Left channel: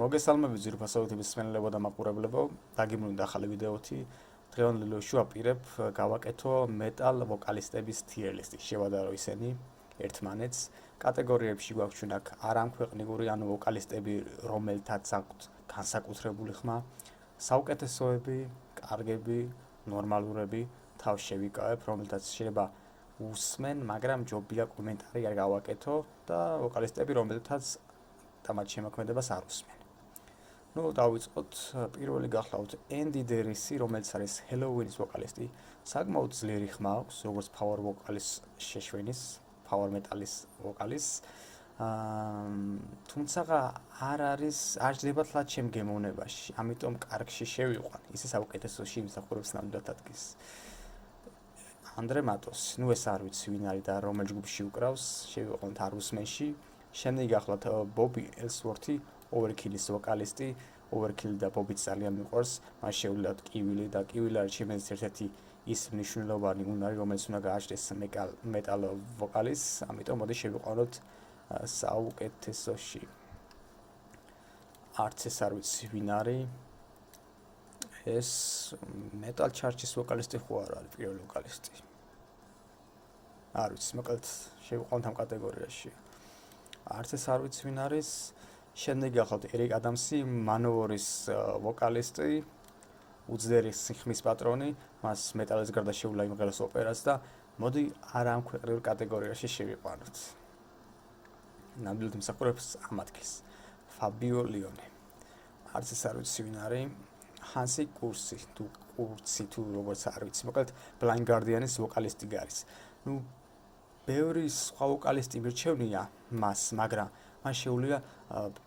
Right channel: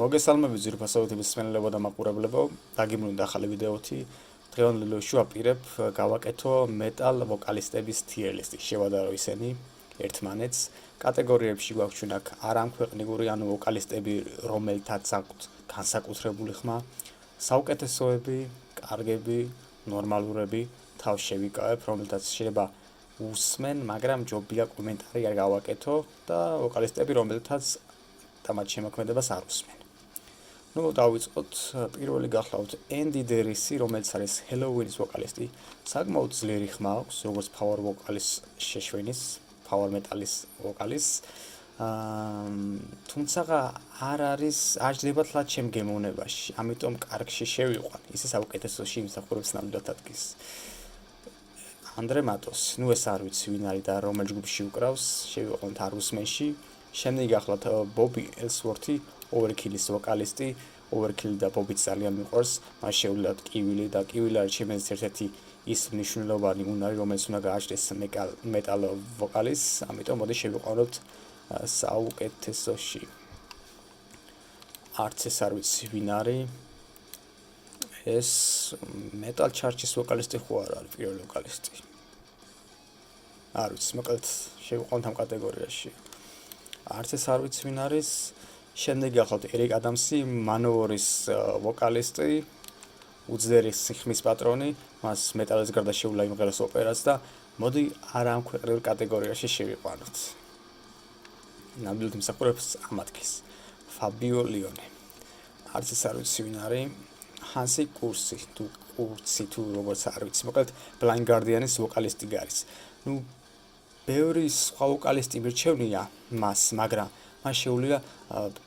მოგესალმებით ძვირფასობით მსმენელებო და მაყურებლებო, დაგიბრუნდა ახალი ვიდეოთი. დღევანდელ ვიდეოში ვაპირებ გავაკეთო მეტალ ვოკალისტების tier list-ი. შევადარო ისინი ერთმანეთს. კატეგორიებში გვაქვს აქ არამქვეყნიური ანუ ვოკალისტები, რომელთაც აქვთ განსაკუთრებული ხმა, საუკეთესოები, კარგები, ნორმალურები, თავს შევიკავებ, რომელთაც შეიძლება უსმენ, მაგრამ ჯობია კომენტარი არ გავაკეთო და ვოკალისტები, რომელთაც დამატ შემოქმედებას არ უსმენ. დავიწყოთ, პირველი გახლავთ Andy Derrissy, რომელიც არის Helloween-ის ვოკალისტი. საკმაოდ ძლიერი ხმა აქვს, როგორც power ვოკალის შეშვენის, power metal-ის ვოკალის. თუმცა არ ჯდება თლად ჩემ გემოვნებაში, ამიტომ კარგში შევიყვან. ისე საუკეთესოში იმსახურებს ნამდვილად ადგილს. Andre Matos, ეს არ ვიცი ვინ არის და რომელ ჯგუფში უკრავს, შევიყვანთ Arusmen-ში. შემდეგი გახლავთ Bobby Ellsworth-ი, Overkill-ის ვოკალისტი. Overkill და Bobby-ც ძალიან მიყვარს, მას შეუძლიათ კივილი და კივილი არის ჩემთვის ერთ-ერთი ის მნიშვნელოვანი უნარი, რომელიც უნდა გააჩნდეს metal ვოკალის, ამიტომ მოდი შევიყვანოთ საუკეთესოში. არც ეს არ ვიცი ვინ არის. ეს metal church-ის ვოკალისტი ხო არ არის პირველი ვოკალისტი. არ ვიცი, მოკლედ შევიყვანოთ ამ კატეგორიაში. არც ეს არ ვიცი ვინ არის. შემდეგი გახლავთ Eric Adams-ი, Manowar-ის ვოკალისტი, უძლიერეს სიხმის პატრონი, მას მეტალის გარდა შეუძლია იმღეროს ოპერაც და მოდი არამქვეყნიურ კატეგორიაში შევიყვანოთ. ნამდვილად იმსახურებს ამ ადგილს. Fabio Lione. არც ეს არ ვიცი ვინ არის. Hansi Kursi, თუ როგორც არ ვიცი, მოკლედ Blind Guardian-ის ვოკალისტი გარის. ბევრი სხვა ვოკალისტი მირჩევნია მას, მაგრამ მას შეუძლია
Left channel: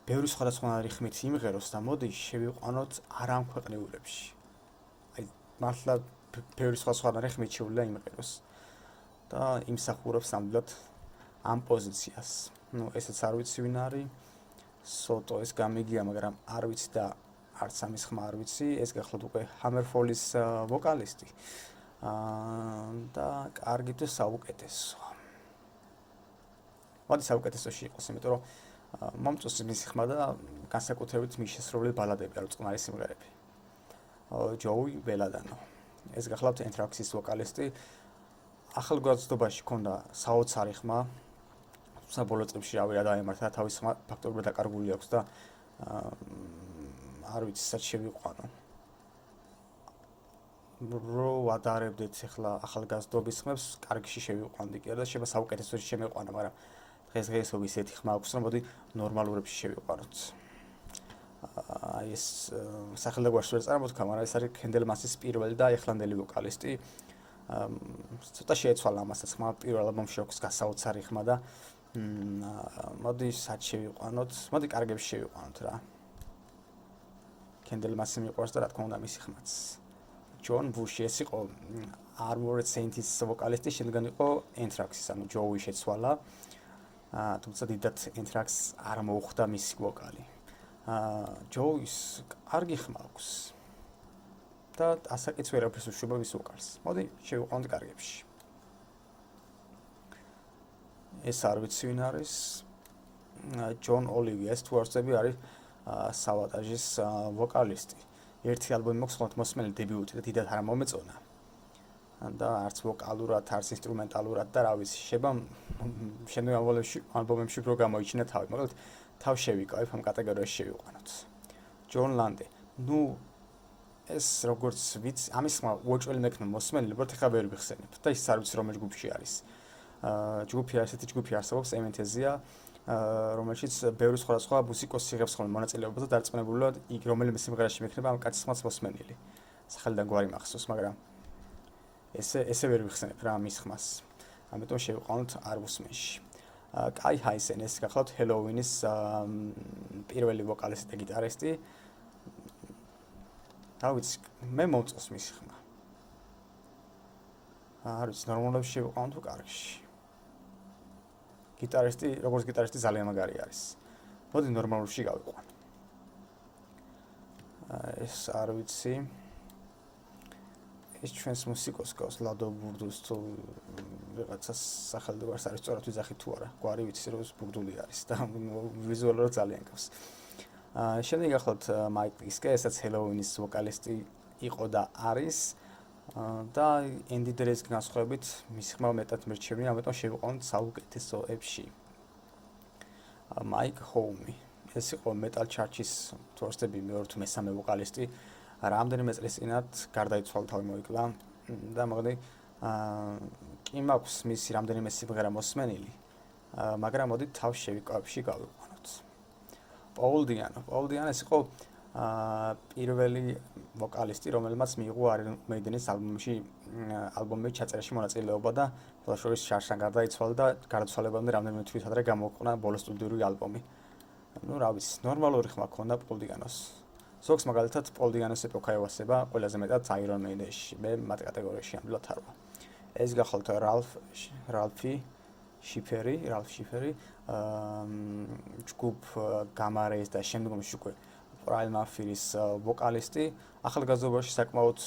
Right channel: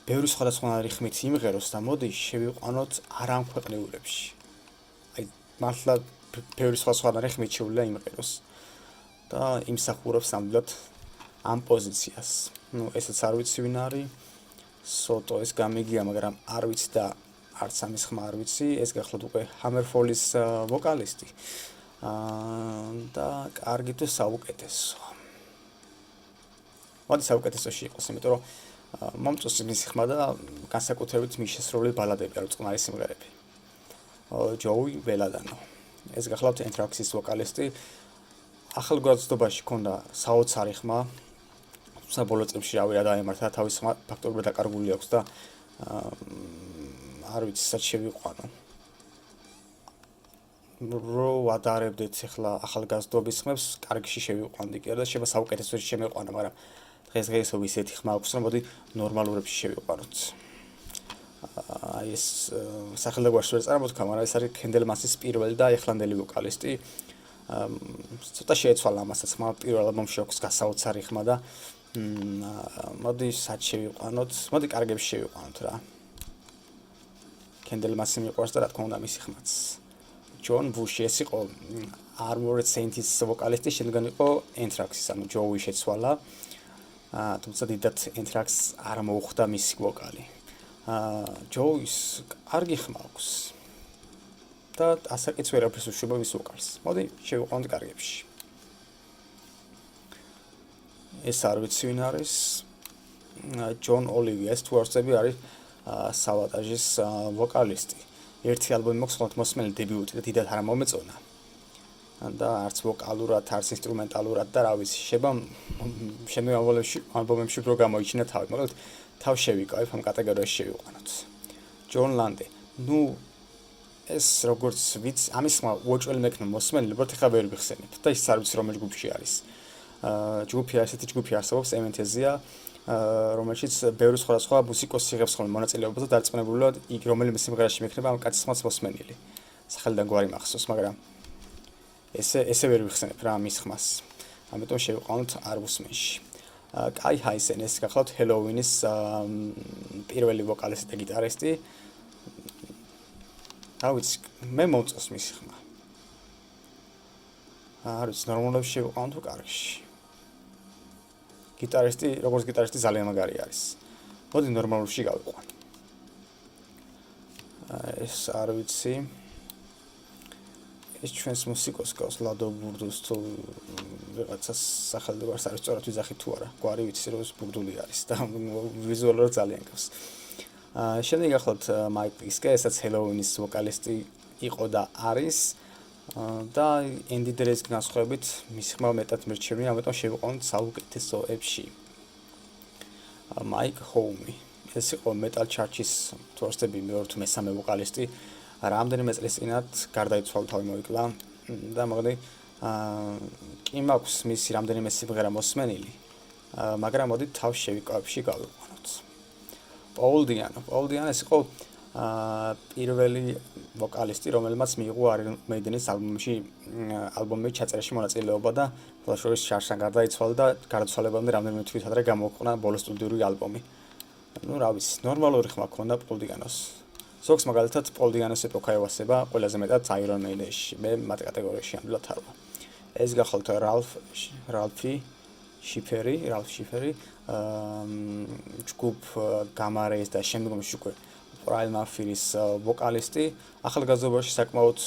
ბევრი სხვადასხვანაირი ხმით იმღეროს და მოდი შევიყვანოთ არამქვეყნიურებში. აი, მართლა ბევრი სხვადასხვანაირი ხმით შეუძლია იმღეროს და იმსახურებს ნამდვილად ამ პოზიციას. ესეც არ ვიცი ვინ არის. Soto ეს გამიგია, მაგრამ არ ვიცი და არც ამის ხმა არ ვიცი. ეს გახლავთ უკვე Hammerfall-ის ვოკალისტი. და კარგი თუ საუკეთესო. მოდი საუკეთესოში იყოს, იმიტომ რომ მომწონს მისი ხმა და განსაკუთრებით მის შესრულებული ბალადები, ანუ წყნარი სიმღერები. Joey Belladonna. ეს გახლავთ Anthrax-ის ვოკალისტი. ახალგაზრდობაში ჰქონდა საოცარი ხმა. თუმცა ბოლო წლებში რავი რა დაემართა, თავის ხმა ფაქტობრივად დაკარგული აქვს და არ ვიცი სად შევიყვანო. ვადარებდეთ ახლა ახალგაზრდობის ხმებს, კარგში შევიყვანდი კი არა და შეიძლება საუკეთესოში შემეყვანა, მაგრამ დღესდღეობით ისეთი ხმა აქვს, რომ მოდი ნორმალურებში შევიყვანოთ. აი ეს სახელდაგვარს ვერ წარმოთქვა, მაგრამ ეს არის Candlemass-ის პირველი და ახლანდელი ვოკალისტი. ცოტა შეეცვალა ამასაც ხმა, პირველ ალბომში აქვს გასაოცარი ხმა და მოდი სად შევიყვანოთ, მოდი კარგებში შევიყვანოთ რა. Candlemass-ი მიყვარს და რა თქმა უნდა მისი ხმაც. John Bush ეს იყო Armored Saints-ის ვოკალისტი, შემდგომ იყო Anthrax-ის, ანუ Joey შეცვალა. თუმცა დიდად Anthrax არ მოუხდა მისი ვოკალი. Joey-ს კარგი ხმა აქვს. და ასაკიც ვერაფერს უშვება მის ვოკალს. მოდი შევიყვანოთ კარგებში. ეს არ ვიცი ვინ არის. John Olivia ეს თუ არ ვწდები არის Savatage-ის ვოკალისტი. ერთი ალბომი მაქვს ხოლმე მოსმენელი დებიუტი და დიდად არ მომეწონა. და არც ვოკალურად, არც ინსტრუმენტალურად და რა ვიცი, შეიძლება შემდგომ ალბომებში უფრო გამოიჩინა თავი, მაგრამ თავ შევიკავებ ამ კატეგორიაში შევიყვანოთ. John Lande. ეს როგორც ვიცი, ამის ხმა უოჭველი მექნა მოსმენელი, უბრალოდ ახლა ვერ ვიხსენებ და ის არ ვიცი რომელ ჯგუფში არის. ესეთი ჯგუფი არსებობს, Amanthesia, რომელშიც ბევრი სხვადასხვა მუსიკოსი იღებს ხოლმე მონაწილეობას და დარწმუნებულია იქ რომელიმე სიმღერაში მექნება ამ კაცის ხმაც მოსმენილი. სახელიდან გვარი მახსოვს, მაგრამ ესე ვერ ვიხსენებ რა მის ხმას. ამიტომ შევიყვანოთ Arusmen-ში. Kai Hansen ეს გახლავთ Helloween-ის პირველი ვოკალისტი და გიტარისტი. რა ვიცი, მე მომწონს მისი ხმა. არ ვიცი, ნორმალურად შევიყვანოთ თუ კარგში. გიტარისტი, როგორც გიტარისტი ძალიან მაგარი არის. მოდი ნორმალურში გავიყვან. ეს არ ვიცი. ეს ჩვენს მუსიკოს გავს ლადო ბურდულს თუ ვიღაცას სახელდაგვარს არის სწორად ვიძახი თუ არა. გვარი ვიცი რომ ეს ბურდული არის და ვიზუალურად ძალიან გავს. შემდეგ ახლა მაიკ პისკე, ესაც ჰელოუინის ვოკალისტი იყო და არის და ენდი დრეის განსხვავებით მისი ხმა მეტად მერჩევნია, ამიტომ შევიყვანოთ საუკეთესოებში. მაიკ ჰოუმი. ეს იყო მეტალ ჩარტის თორსტები მეორე თუ მესამე ვოკალისტი. რამდენიმე წლის წინათ გარდაიცვალა, თავი მოიკლა და მოდი კი მაქვს მისი რამდენიმე სიმღერა მოსმენილი, მაგრამ მოდი თავს შევიკავებში გავიყვანოთ. Paul Diano ეს იყო პირველი ვოკალისტი, რომელმაც მიიღო Iron Maiden-ის ალბომის ჩაწერაში მონაწილეობა და ფლაშორის შარშან გარდაიცვალა და გარდაცვალებამდე რამდენიმე თვით ადრე გამოიყვანა ბოლო სტუდიური ალბომი. Ну, რა ვიცი, ნორმალური ხმა ქონდა Paul Diano-ს. ზოგს მაგალითად Paul Diano-ს ეპოქა ევასება ყველაზე მეტად Iron Maiden-ში, მე მათ კატეგორიაში ამბლად არ ვარ. ეს გახლავთ Ralph Schiffer-ი, ჯგუფ Gamma Rays და შემდგომში უკვე Brian Murphy-ის ვოკალისტი. ახალგაზრდობაში საკმაოდ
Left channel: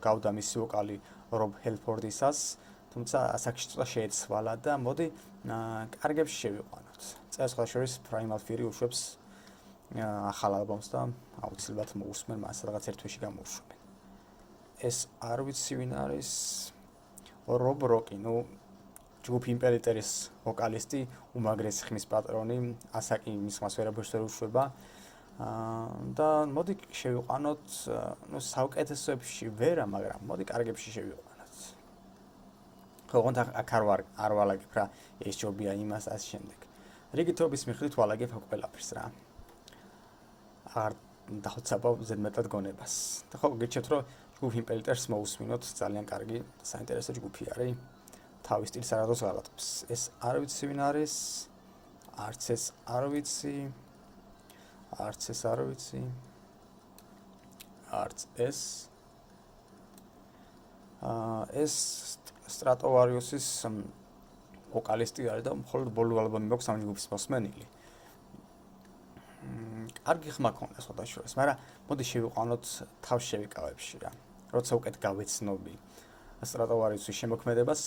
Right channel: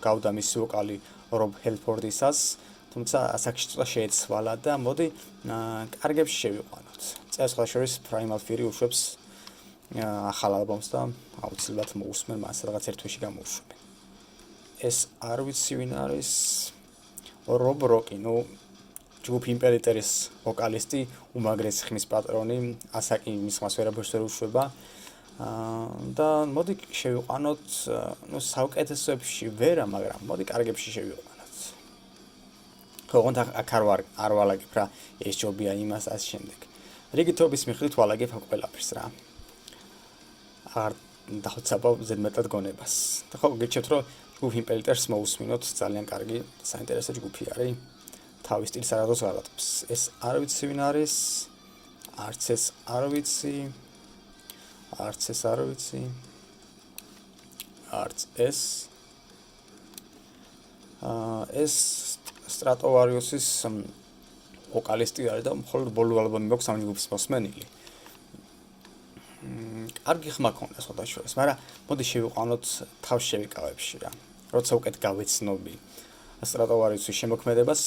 გავდა მისი ვოკალი Rob Halford-ისას, თუმცა ასაკში ცოტა შეეცვალა და მოდი კარგებში შევიყვანოთ. წელს ხალხშორის Brian Murphy უშვებს ახალ ალბომს და აუცილებლად მოусმენ მას რაღაც ერთ თვეში გამოუშვებენ. ეს არ ვიცი ვინ არის Rob Rocky, ну ჯგუფ იმპერატორის ვოკალისტი, უმაგრესი ხმის პატრონი, ასაკი მის ხმას ვერაფერს ვერ უშვება. და მოდი შევიყვანოთ, ну საუკეთესოებში ვერა, მაგრამ მოდი კარგებში შევიყვანოთ. ხოღონთ აქ არ ვალაგებ რა, ეს ჯობია იმას ამ შემდეგ. რიგი თობის მიხედვით ვალაგებ აქ ყველაფერს რა. არ დავცაბავ ზედმეტად გონებას. და ხო გიჩვენებთ რომ ჯგუფ იმპერატორს მოусმინოთ, ძალიან კარგი საინტერესო ჯგუფი არის. თავის სტილს არადოს გადატებს. ეს არ ვიცი ვინ არის. არც ეს არ ვიცი. არც ეს. ეს Stratovarius-ის ვოკალისტი არის და მხოლოდ ბოლო ალბომი მაქვს ამ ჯგუფის მოსმენილი. კარგი ხმა ქონდა სხვადასხვას, მაგრამ მოდი შევიყვანოთ თავს შევიკავებში რა. როცა უკეთ გავეცნობი Stratovarius-ის შემოქმედებას,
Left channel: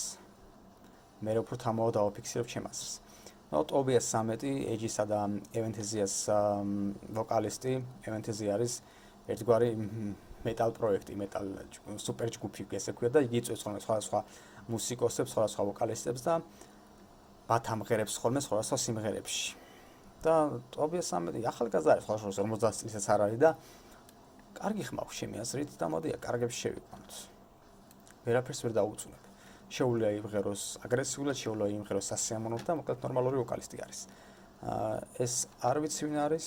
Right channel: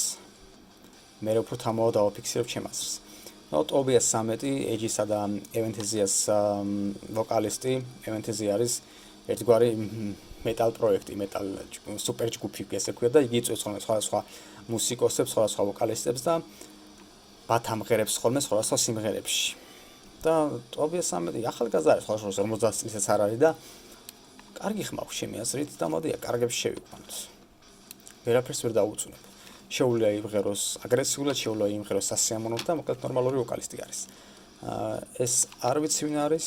მე უფრო თამაოდ დავაფიქსირებ ჩემ აზრს. Tobias Sammet-ი, Aegis-ა და Aventhesias ვოკალისტი, Aventhesia არის ერთგვარი მეტალ პროექტი, მეტალ სუპერ ჯგუფი ესე ქვია და იგი იწვევს სხვა მუსიკოსებს, სხვა ვოკალისტებს და ბათამღერებს ხოლმე სხვა სიმღერებში. და Tobias Sammet-ი ახალგაზრდა არის, სხვა 50 წლისაც არ არის და კარგი ხმა აქვს ჩემი აზრით და მოდი კარგებში შევიყვანოთ. ვერაფერს ვერ დაუწუნებ. შეუძლია იმღეროს აგრესიულად, შეუძლია იმღეროს სასიამოვნოდ და მოკლედ ნორმალური ვოკალისტი არის. ეს არ ვიცი ვინ არის.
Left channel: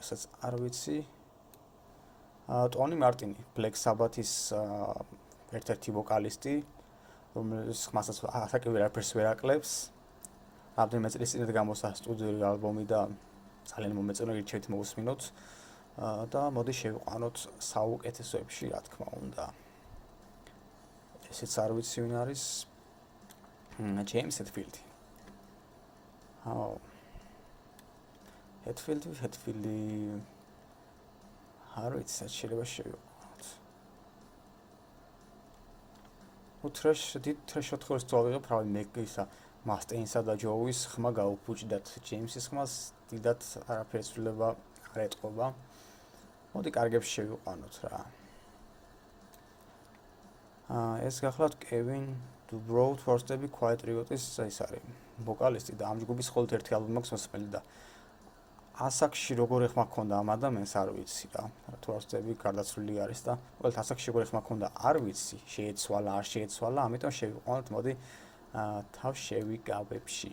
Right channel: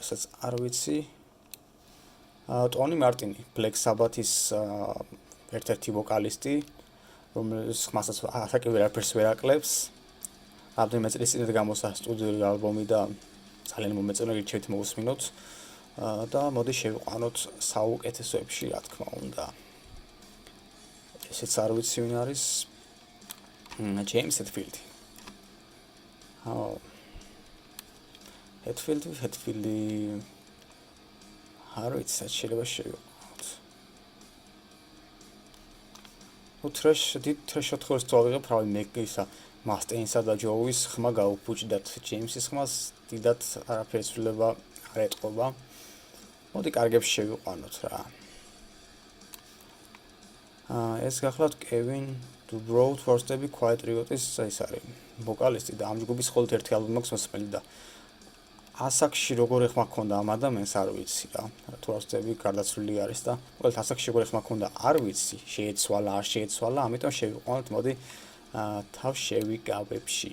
ესაც არ ვიცი. ტონი მარტინი, Black Sabbath-ის ერთ-ერთი ვოკალისტი, რომელიც ხმასაც ასაკი ვერაფერს ვერ აკლებს. რამდენიმე წლის წინ გამოსა სტუდიური ალბომი და ძალიან მომეწონა გირჩევით მოусმინოთ. და მოდი შევიყვანოთ საუკეთესოებში, რა თქმა უნდა. ესეც არ ვიცი ვინ არის. James Hetfield. Hetfield-ი არ ვიცი, შეიძლება შევიყვანოთ. Trash ოთხეულს წავიღებ, რავი მეკისა, Mustaine-სა და Joe-ის ხმა გაუფუჭდათ, James-ის ხმას დიდად არაფერს ვლება არ ეტყობა. მოდი კარგებში შევიყვანოთ რა. ეს გახლავთ Kevin Dubrow თორსტები Quiet Riot-ის ეს არის ვოკალისტი და ამ ჯგუფის მხოლოდ ერთი ალბომი აქვს მოსმენილი და ასაკში როგორი ხმა ქონდა ამ ადამიანს არ ვიცი რა. თორსტები გარდაცვლილი არის და ყოველ ასაკში როგორი ხმა ქონდა არ ვიცი, შეეცვალა, ამიტომ შევიყვანოთ მოდი თავს შევიკავებში.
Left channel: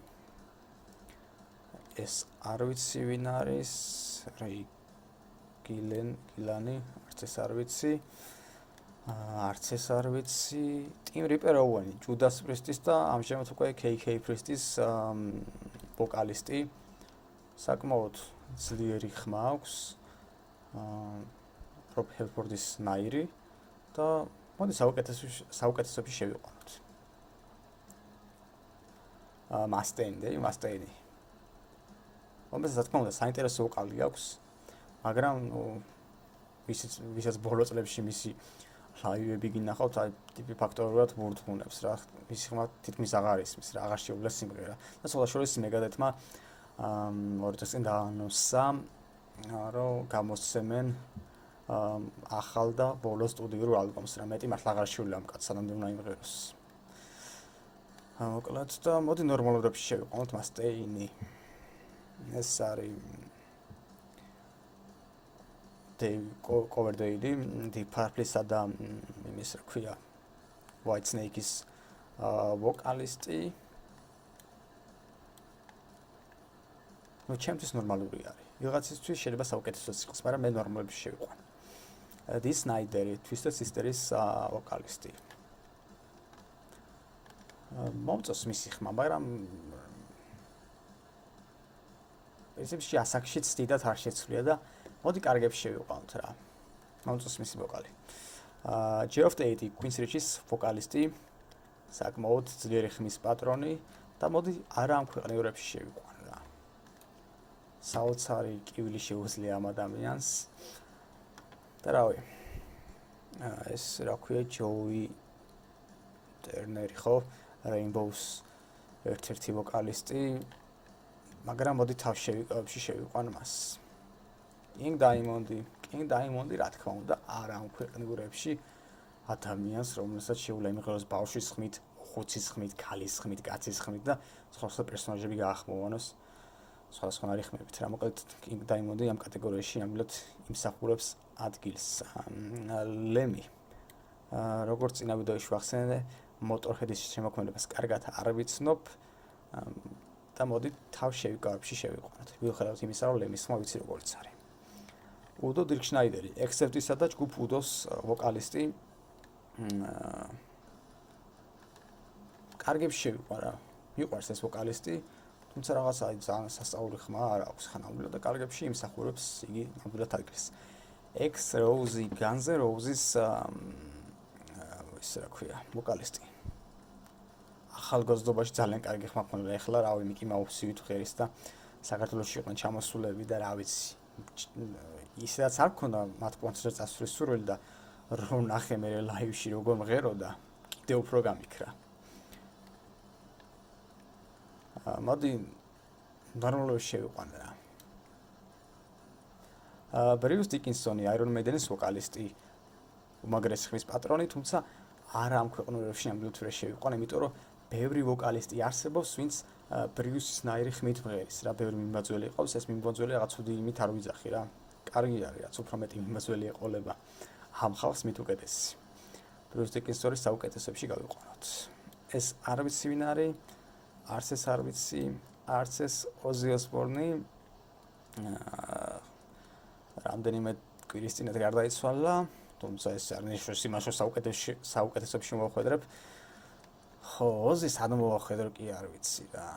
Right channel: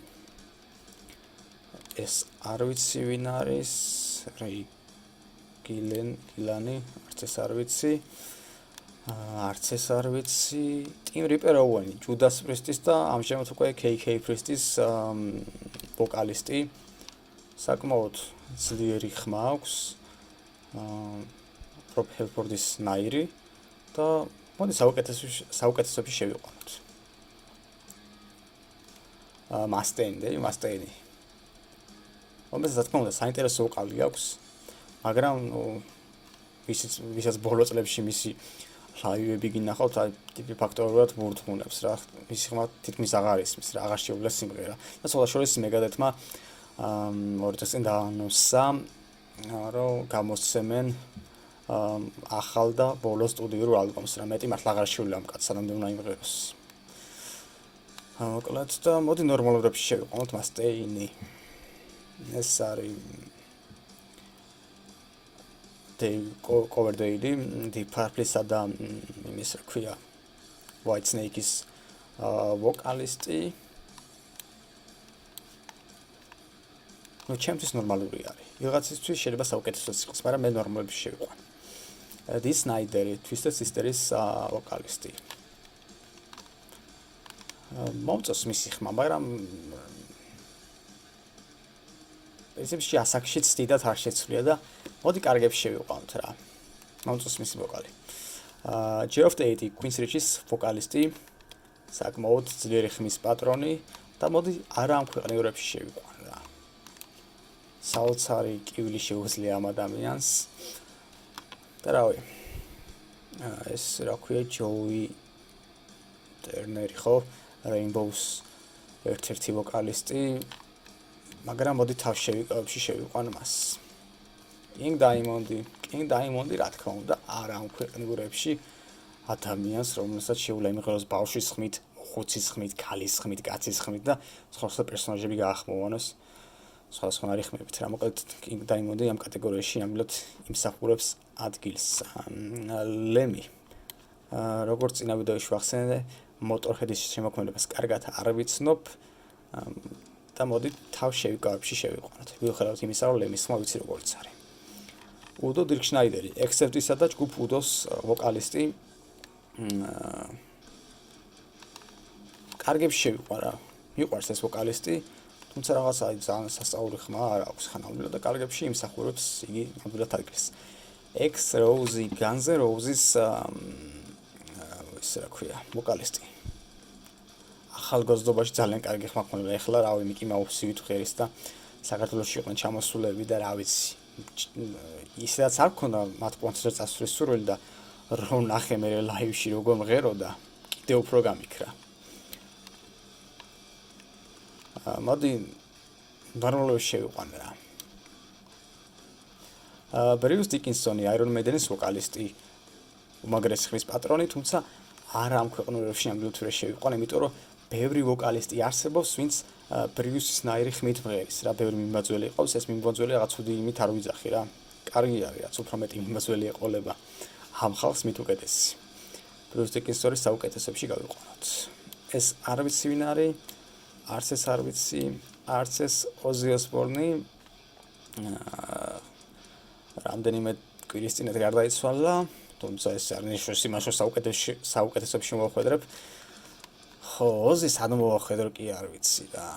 ეს არ ვიცი ვინ არის. გილანი, არც ეს არ ვიცი. Tim Reaper Owen, Judas Priest-ის და ამჟამად უკვე KK Priest-ის ვოკალისტი. საკმაოდ ძლიერი ხმა აქვს. Rob Halford-ის ნაირი და მოდი საუკეთესოებში შევიყვანოთ. Mustaine. რომელსაც რა თქმა უნდა საინტერესო ვოკალი აქვს, მაგრამ ვისაც ბოლო წლებში მისი ლაივები გინახავთ, აი ტიპი ფაქტორულად ვურთხუნებს რა. მისი ხმა თითქმის აღარ ისმის რა, აღარ შეუძლია სიმღერა. და სხვა შორის მეგადეთმა ორი წელი წინ დაანონსა, რომ გამოსცემენ ახალ და ბოლო სტუდიურ ალბომს, რა მეტი მართლა აღარ შეუძლია ამ კაცს სანამდე უნდა იმღეროს. მოკლედ და მოდი ნორმალურებში შევიყვანოთ მასტეინი. ეს არის Coverdale, Deep Purple-ისა და იმის რა ქვია White Snake-ის ვოკალისტი. ჩემთვის ნორმალური არის. ვიღაცისთვის შეიძლება საუკეთესოც იყოს, მაგრამ მე ნორმალურებში შევიყვან. Dee Snider-ი, Twisted Sister-ის ვოკალისტი. მომწონს მისი ხმა, მაგრამ პრინციპში ასაკშიც დიდად არ შეცვლია და მოდი კარგებში შევიყვანოთ რა. მომწონს მისი ვოკალი. Geoff Tate, Queen's Richie-ის ვოკალისტი, საკმაოდ ძლიერი ხმის პატრონი და მოდი არა ამ ქვეყნიურებში შევიყვან რა. საოცარი კივილი შეუძლია ამ ადამიანს. და რავი. ეს რა ქვია Joey Turner-ი ხო? Rainbows ერთ-ერთი ვოკალისტი, მაგრამ მოდი თავში შევიყვან მას. King Diamond-ი რა თქმა უნდა არა ამ ქვეყნიურებში ადამიანს, რომელსაც შეუძლია იმღეროს ბავშვის ხმით, ხუცის ხმით, ქალის ხმით, კაცის ხმით და სხვა პერსონაჟები გაახმოვანოს სხვადასხვანაირი ხმებით. რა მოკლედ King Diamond-ი ამ კატეგორიაში ნამდვილად იმსახურებს ადგილს. Lemmy როგორც წინა ვიდეოში ვახსენე, Motorhead-ის შემოქმედებას კარგად არ ვიცნობ და მოდი თავში შევიყვანოთ. მიუხედავად იმისა, რომ Lemmy-ის ხმა ვიცი როგორც არის. Udo Dirk Schneider-ი, Accept-ისა და ჯგუფ Udo-s ვოკალისტი. კარგებში შევიყვან რა. მიყვარს ეს ვოკალისტი, თუმცა რაღაცა ძალიან სასწაული ხმა არ აქვს ხანამდე და კარგებში იმსახურებს იგი ნამდვილად ადგილს. Ex-Rose, Guns N' Roses ის რა ქვია, ვოკალისტი. ახალგაზრდობაში ძალიან კარგი ხმა ქონდა, ეხლა რავი Mickey Mouse-ი ვითხერის და საქართველოში იყვნენ ჩამოსულები და რა ვიცი. ისედაც არ ქონდა მათ კონცერტს წასვლის სურვილი და რომ ნახე მე ლაივში როგორ მღეროდა, კიდევ უფრო გამიქრა. მოდი ნორმალურში შევიყვან რა. Bruce Dickinson-ი, Iron Maiden-ის ვოკალისტი, უმაგრესი ხმის პატრონი, თუმცა არა ამ ქვეყნიურებში ნამდვილად ვერ შევიყვან, იმიტომ რომ ბევრი ვოკალისტი არსებობს, ვინც Bruce-ის ნაირი ხმით მღერის რა, ბევრი მიმბაძველი ყავს, ეს მიმბაძველი რაღაც უდი იმით არ ვიძახი რა. კარგი არის, რაც უფრო მეტი მიმბაძველი ეყოლება ამ ხალხს მით უკეთესი. Bruce Dickinson-ის საუკეთესოებში გავიყვანოთ. ეს არ ვიცი ვინ არის, არც ეს არ ვიცი, არც ეს Ozzy Osbourne-ი. რამდენიმე კვირის წინათ გარდაიცვალა, თუმცა ეს არ ნიშნავს იმას, რომ საუკეთესოებში მოვახვედრებ. ხო, Ozzy-ს არ მოვახვედრო კი არ ვიცი რა.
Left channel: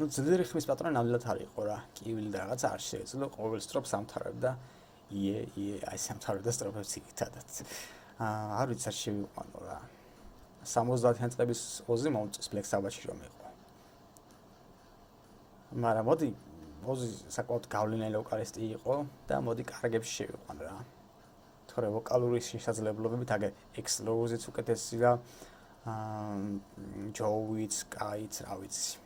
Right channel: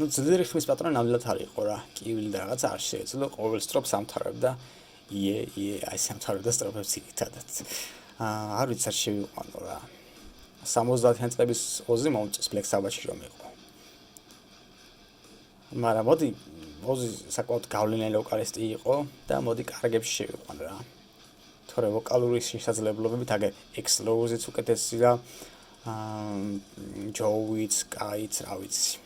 ძლიერი ხმის პატრონი ნამდვილად არ იყო რა. კივილი და რაღაცა არ შეეძლო, ყოველ სტროფს ამთავრებდა. აი ამთავრებდა სტროფებს იქითადაც. არ ვიცი არ შევიყვანო რა. 70-იან წლების Ozzy მომწონს Black Sabbath-ში რომ იყო. მაგრამ მოდი Ozzy საკმაოდ გავლენიანი ვოკალისტი იყო და მოდი კარგებში შევიყვან რა. თორე ვოკალური შესაძლებლობებით აგე Ex-Rose-იც უკეთესი და Joey-ც, Kai-ც, რა ვიცი.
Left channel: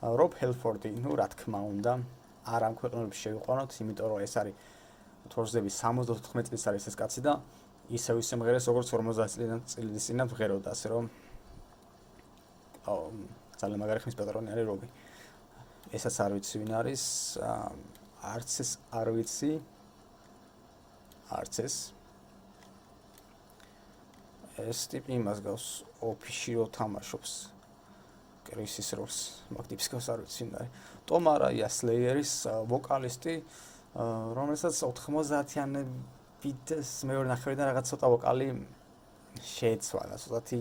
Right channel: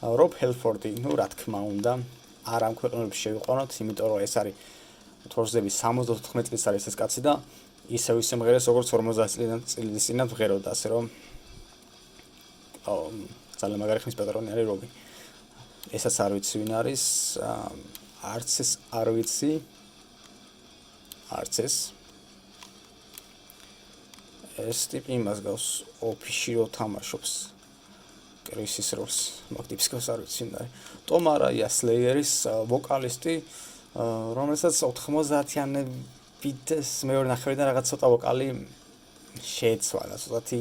Rob Halford-ი, ნუ რა თქმა უნდა, არ ამ ქვეყნებში შევიყვანოთ, იმიტომ რომ ეს არის თორზების 74 წლის არის ეს კაცი და ისევ მღერეს როგორც 50 წლის წინათ მღეროდა, ასე რომ ძალიან მაგარი ხმის პატრონი არის რობი. ესაც არ ვიცი ვინ არის, არც ეს არ ვიცი. არც ეს. ეს ტიპი იმას გავს, ოფისში რო თამაშობს. კრისის როლს, მაგ ტიპს გავს არ ვიცი ვინ არის. Tom Araya Slayer-ის ვოკალისტი, რომელსაც 90-იანებით მეორე ნახევრიდან რაღაც ცოტა ვოკალი შეეცვალა, ცოტათი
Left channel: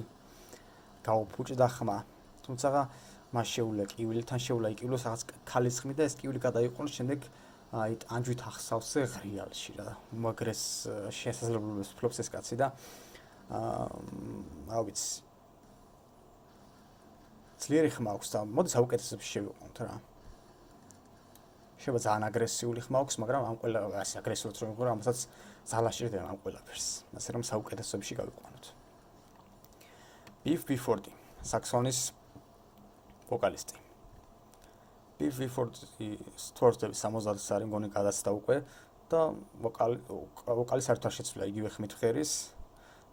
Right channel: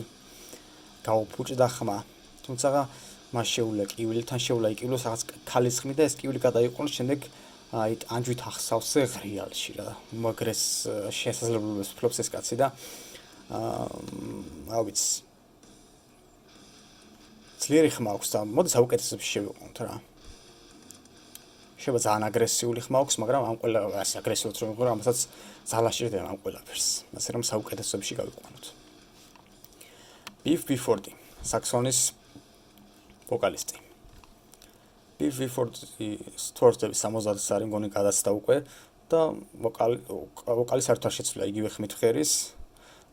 გაუფუჭდა ხმა. თუმცა მას შეუძლია კივილთან შეუძლია იკივლოს რაღაც ქალის ხმით და ეს კივილი გადაიყვანოს შემდეგ აი ტანჯვით ახსავსე ღრიალში რა. უმაგრეს შესაძლებლობებს ფლობს ეს კაცი და რა ვიცი. ძლიერი ხმა აქვს და მოდი საუკეთესოებში შევიყვანოთ რა. შეიძლება ძალიან აგრესიული ხმა აქვს, მაგრამ ამ ყველა ასე აგრესიულად რომ ვიყო, ამასაც ძალა შეჭირდება ამ ყველაფერს. ასე რომ საუკეთესოებში გავიყვანოთ. Beef Before, საქსონის ვოკალისტი. თორსდების 70-ის არის მგონი გადაცდა უკვე და ვოკალი საერთოდ არ შეცვლილა იგივე ხმით ხერის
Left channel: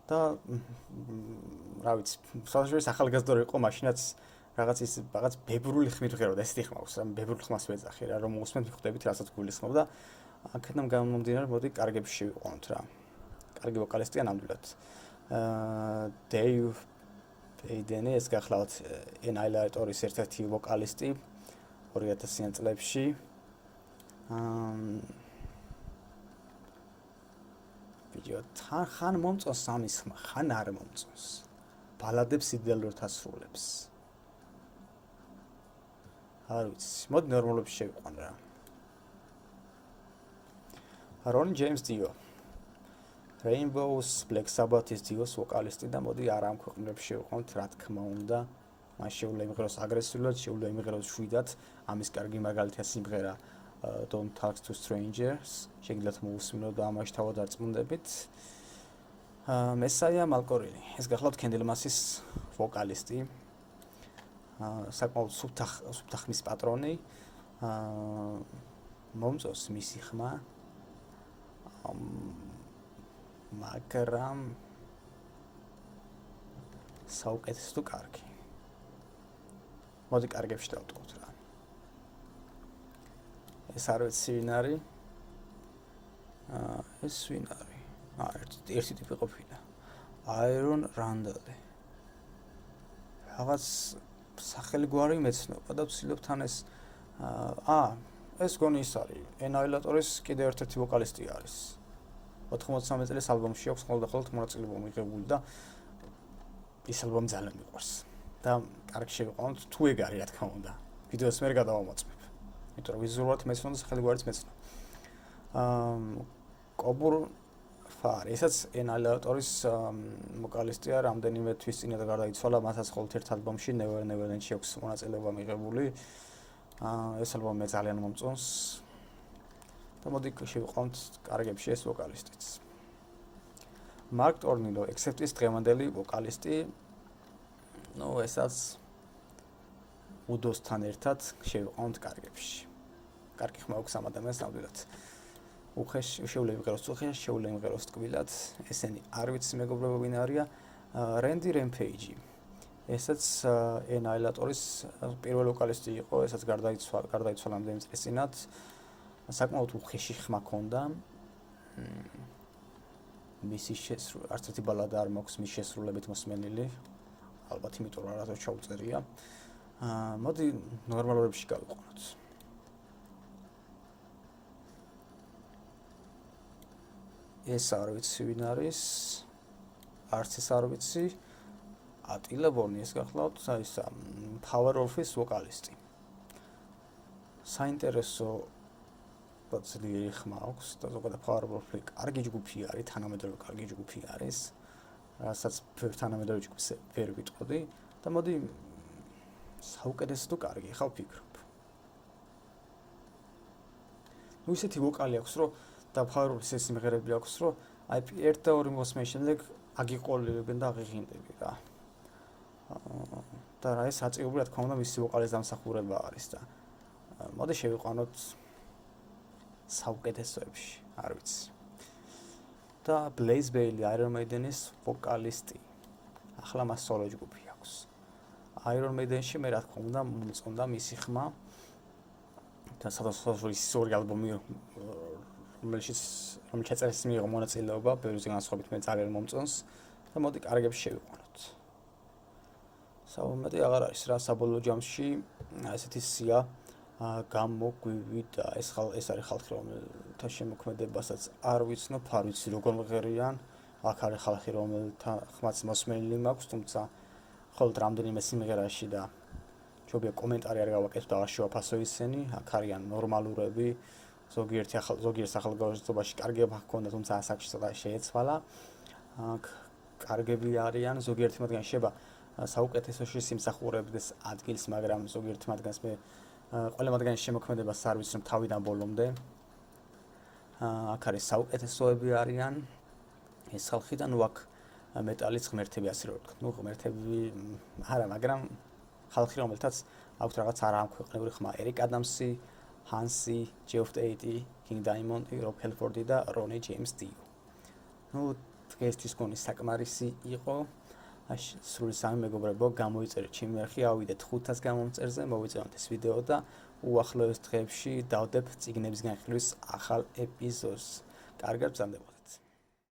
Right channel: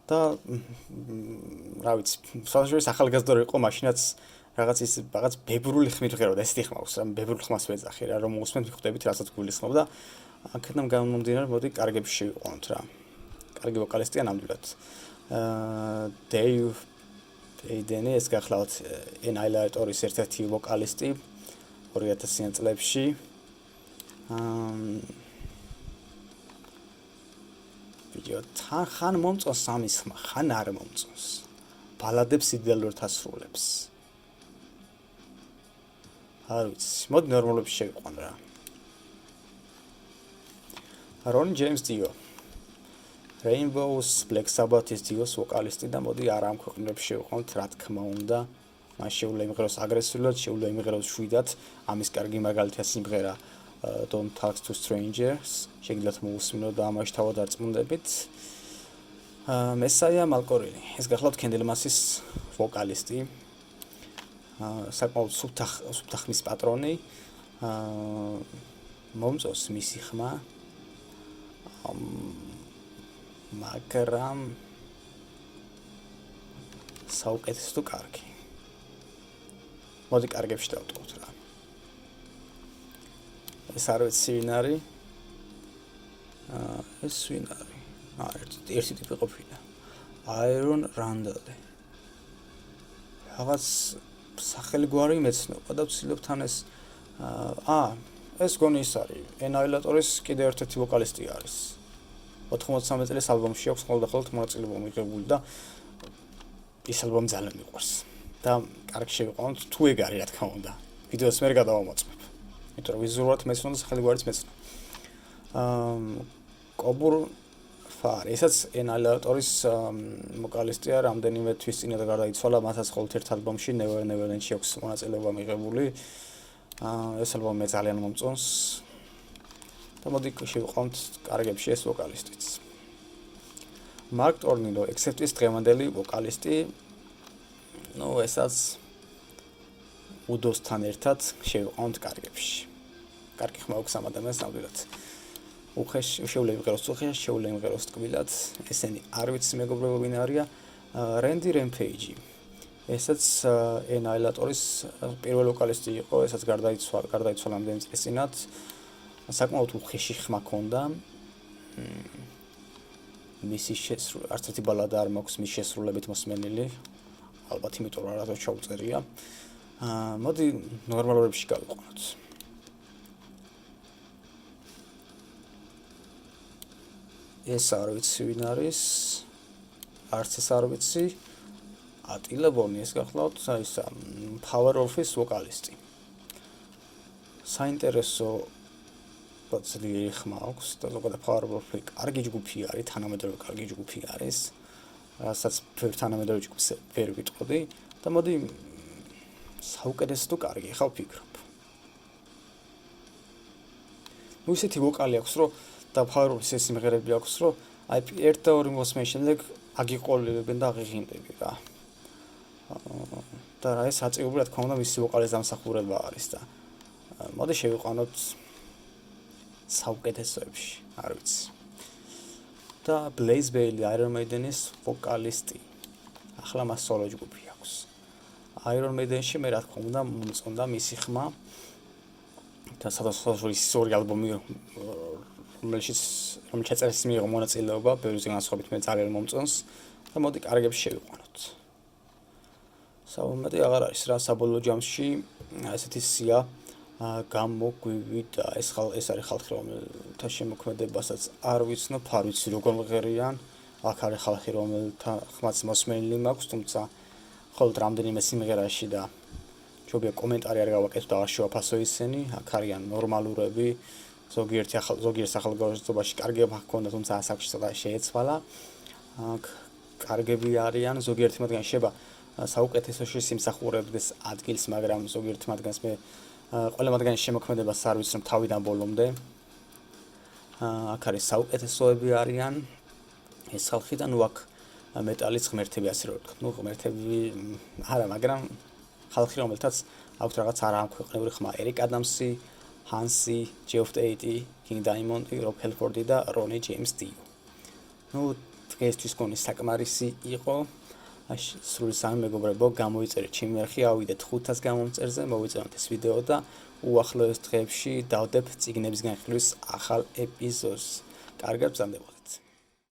და რა ვიცი, საერთოდ ახალგაზრდა იყო მაშინაც რაღაც ბებრული ხმით ვღეროდა, ესეთი ხმა აქვს, რა ბებრულ ხმას ვეძახი რა, რომ უსმენთ მიხვდებით, რასაც გულისხმობ და აქედან გამომდინარე, მოდი კარგები შევიყვანოთ რა. კარგი ვოკალისტია ნამდვილად. Dave Aideni ეს გახლავთ Annihilators ერთ-ერთი ვოკალისტი 2000-იან წლებში. ვიდეო ხან მომწონს სამის ხმა, ხან არ მომწონს. ბალადებს იდეალურად ასრულებს. არ ვიცი, მოდი ნორმალებში შევიყვან რა. Ron James Dio. Rainbows Black Sabbath-ის Dio-s ვოკალისტი და მოდი არ ამ ქვეყნებში შევიყვანოთ, რა თქმა უნდა. მას შეუძლია იმღეროს აგრესიულად, შეუძლია იმღეროს შვიდად. ამის კარგი მაგალითია სიმღერა Don't Talk to Strangers. შეგიძლიათ მოусმინოთ და ამაში თავად არწმუნდებით. Messiah Malkorili. ეს გახლავთ Candlemass-ის ვოკალისტი. საკმაოდ სუფთა ხმის პატრონი. მომწონს მისი ხმა. მაგრამ საუკეთესო თუ კარგი. მოდი კარგებში დავტოვოთ რა. ეს არ ვიცი ვინ არის. ეს ვინ არის? ერთი ტიპი ყოფილა. Iron Randall. რაღაც სახელი გვარი მეცნობა და ვცდილობ თან ეს ეს გონი ის არის. Annihilators კიდე ერთ-ერთი ვოკალისტი არის. 93 წლის ალბომში აქვს ყოველდღიურად მონაწილეობა მიღებული და ის ალბომი ძალიან მიყვარს. და კარგი შევიყვანოთ თუ ეგ არის რა თქმა უნდა. ვიდეოს მე გადავამოწმებ. იმიტომ რომ ვიზუალურად მეცნობა და სახელი გვარიც მეცნობა. კობურ ფარ, ესაც Annihilators ვოკალისტია, რამდენიმე თვის წინათ გარდაიცვალა, მასაც მხოლოდ ერთ ალბომში Never Never End-ში აქვს მონაწილეობა მიღებული. ეს ალბომი მე ძალიან მომწონს. და მოდი შევიყვანოთ კარგებში ეს ვოკალისტიც. Mark Tornillo, Acceptis დღევანდელი ვოკალისტი. ესაც უდოსთან ერთად შევიყვანოთ კარგებში. კარგი ხმა აქვს ამ ადამიანს ნამდვილად. შეუძლია იმღეროს უხეშ, შეუძლია იმღეროს ტკბილად. ესენი არ ვიცი მეგობრებო ვინ არია. Randy Rampage. ესაც Annihilators პირველი ვოკალისტი იყო, ესაც გარდაიცვალა ამდენი წლის წინათ. საკმაოდ უხეში ხმა ჰქონდა. მისი არც ერთი ბალადა არ მაქვს მის შესრულებით მოსმენილი. ალბათ იმიტომ რომ არასდროს ჩაუწერია. მოდი ნორმალურებში გავიყვანოთ. ეს არ ვიცი ვინ არის. არც ეს არ ვიცი. ატილა ბონი ეს გახლავთ, ისა Power Of-ის ვოკალისტი. საინტერესო პოცლიერი ხმა აქვს და ზოგადად Power Of-ი კარგი ჯგუფი არის, თანამედროვე კარგი ჯგუფი არის. რასაც თანამედროვე ჯგუფს ვერ ვიტყოდი და მოდი საუკეთესო თუ კარგი ხავ ფიქრობ. ისეთი ვოკალი აქვს, რომ და Power Of-ის ეს სიმღერები აქვს, რომ აი ერთ და ორი მოსმენის შემდეგ აგიყოლებენ და აღიღინდები რა. და რა ეს აწეობრივ რა თქმა უნდა მისი ვოკალის დამსახურება არის და მოდი შევიყვანოთ საუკეთესოებში, არ ვიცი. და Blaze Bayley Iron Maiden-ის ვოკალისტი. ახლა მას სოლო ჯგუფი აქვს. Iron Maiden-ში მე რა თქმა უნდა მომწონდა მისი ხმა. და სადღაც ის ორი ალბომი რომელშიც ეწერის მიიღო მონაწილეობა, ბევრი განსხვავებით მე ძალიან მომწონს და მოდი კარგებში შევიყვანოთ. საუბარი აღარ არის რა საბოლოო ჯამში ესეთი სია გამოგვივიდა ეს არის ხალხი რომელთა შემოქმედებასაც არ ვიცნობ, არ ვიცი როგორ მღერიან, აქ არის ხალხი რომელთა ხმაც მოსმენილი მაქვს, თუმცა მხოლოდ რამდენიმე სიმღერაში და ჯობია კომენტარი არ გავაკეთო და არ შევაფასო ისინი, აქ არიან ნორმალურები, ზოგიერთ ახალგაზრდობაში კარგება ჰქონდა, თუმცა ასაკში ცოტა შეეცვალა. აქ კარგები არიან, ზოგიერთი მათგანი შეიძლება საუკეთესოში სიმსახურებდეს ადგილს, მაგრამ ზოგიერთი მათგანს მე ყველა მათგანის შემოქმედებას არ ვიცნობ თავიდან ბოლომდე. აქ არის საუკეთესოები არიან ეს ხალხი და ნუ აქ მეტალის ღმერთები ასე რომ ვთქვათ. ნუ ღმერთები არა, მაგრამ ხალხი რომელთაც აქვს რაღაც არამქვეყნიური ხმა, ერიკ ადამსი, ჰანსი, ჯეფ ტეიტი, კინგ დაიმონდი, რობ ჰელფორდი და რონი ჯეიმს დიო. ნუ დღესთვის გონი საკმარისი იყო. სრული სამი მეგობრებო, გამოიწერეთ ჩემი არხი, ავიდეთ 500 გამომწერზე, მოვიწევთ ეს ვიდეო და უახლოეს დღეებში დავდებ წიგნების განხილვის ახალ ეპიზოდს. კარგად ბრძანდებოდეთ.